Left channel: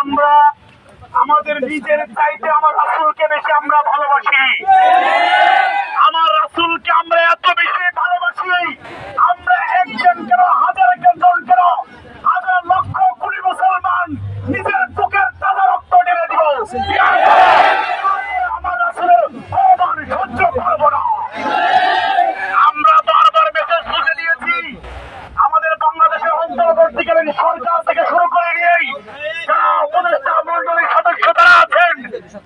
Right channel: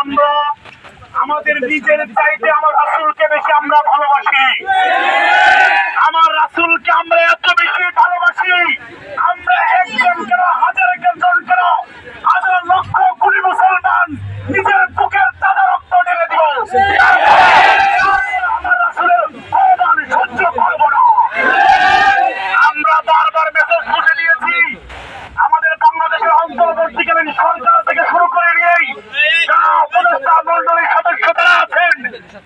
আমরা আমাদের নিজের চাইতে আমার রাসূলকে বেশি আমরা ভালোবাসি। আমার রাসূলকে আমরা এত বেশি ভালোবাসি, আমরা একজন কেন, হাজার জন কেন, হাজার লক্ষ কোটি মুসলমান নিজের বুকের তাজা রক্ত ঢেলে দিব, আমার রাসূলের অপমান সহ্য করব না। আমরা বারবার মেসেজ বুঝে দিয়েছি, আমাদের বাংলাদেশের অন্তর্বর্তীকালীন সরকার থেকে শুরু করে নিয়েই যারা উপদেষ্টা মন্ডলীর সদস্য তারা আছেন,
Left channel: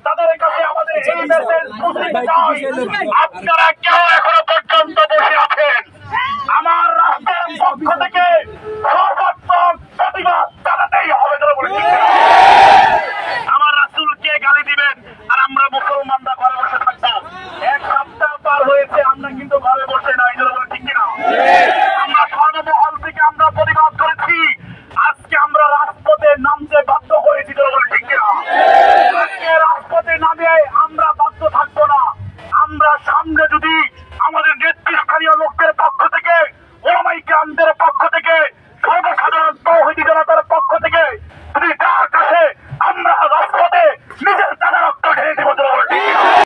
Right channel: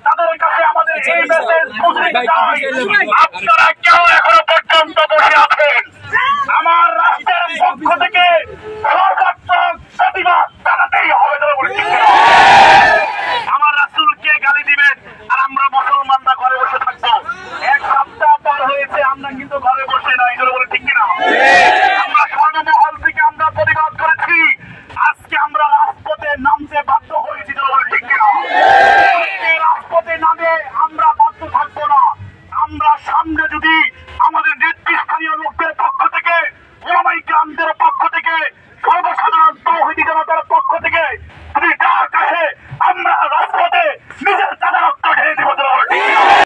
তাদের কাছে আমাদের এই মেসেজ বুঝে দিতে চাই, আপনারা কেউ এখনো পর্যন্ত বসে আছেন, আমার রাষ্ট্রের পক্ষ থেকে সর্বাত্মক প্রতিবাদ জানাতেই হবে। আমার রাসূলকে গালি দিবেন আর আমরা মুসলমানরা ঘরে বসে থাকবো। এক সপ্তাহ পার হয়েছে, আমরা কিন্তু ঘরে বসে নাই, বলে ঠিক কিনা? আমরা সর্বমহল থেকে আমরা প্রতিবাদ করেছি, আজকে আমরা রাজপথে নামতে বাধ্য হয়েছি, বলে ঠিক কিনা? আজকে রাজপথে নামে আমরা বাধ্য থাকবো না। আমরা সামনে যদি আমাদের নেতৃস্থানীয় লোকদের পক্ষ